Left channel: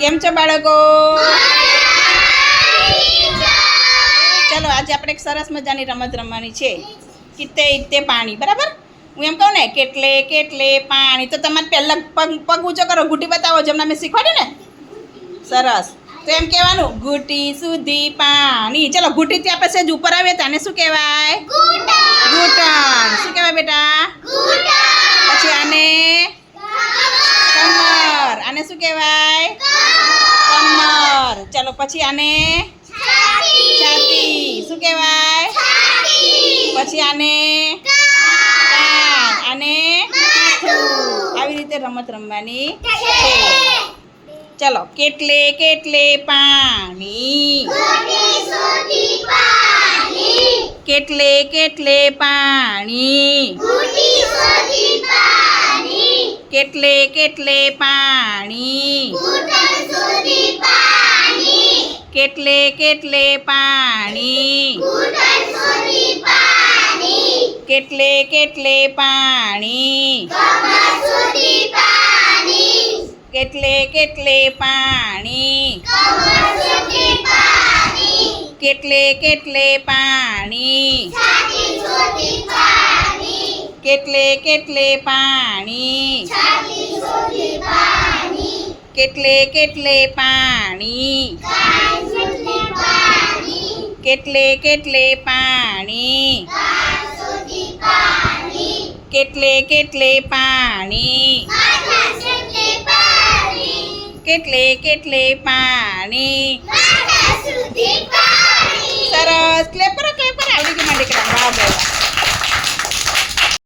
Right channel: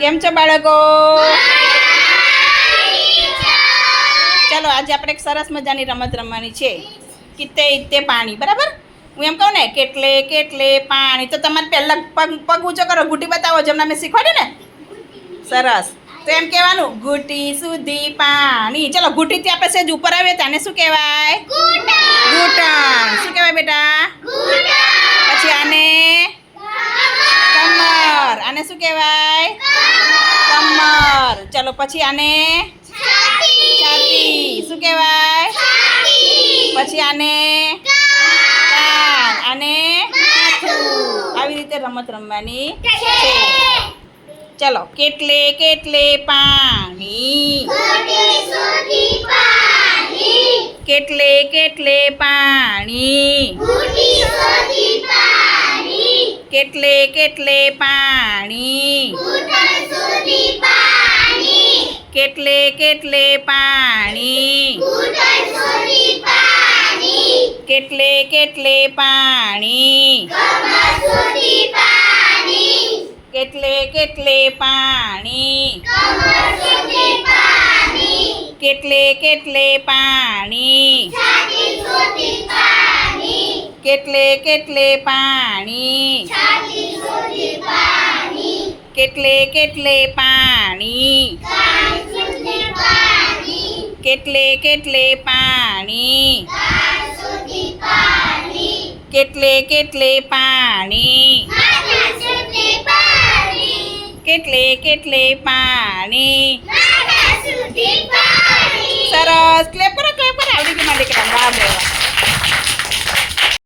કેમ છો બાળકો ચાલો આજે આપણે એક સરસ મજાની રમત રમવાની છે કિતે ઇતે પાણી બરાબર હું એમ કહું ને કેટલે કેટલે પાણી તો તમારે પહેલાં પગ પગ ઊંચો કરો ઘૂંટી બતાવો જેમને મેં શીખવાડ્યું ને સરસ તો એમ કહેવાનું ઘૂંટી સુધી પાણી ચલો ઘૂંટીથી આપણે સહેજ ઉપર આવીએ તાને શું કહેવાય ઘૂંટણ શું કહેવાય બેટા પછી આને કમર આને શું કહેવાય चलो પછી આને ચાટી ચાટી શું કહેવાય ચાટી પછી આને કાન અને મથુ આવી રીતે રમત રમવાની છે ચાલો કેટલે કેટલે પાણી ગુટી સોટી પાણી કેટલે કેટલે પાણી ગુટી સોટી પાણી કેટલે કેટલે પાણી ગુટી કેટલે કેટલે પાણી કુટળ છોટી પાણી કેટલે કેટલે પાણી કમસુટી પાણી કેટલે કેટલે પાણી કમસુટી પાણી કેટલે કેટલે પાણી ચાટી છોટી પાણી કેટલે કેટલે પાણી ચાટી છોટી પાણી કેટલે કેટલે પાણી કેટલે કેટલે પાણી કેટલે કેટલે પાણી કેટલે કેટલે પાણી સરસ ક્લેપ કરો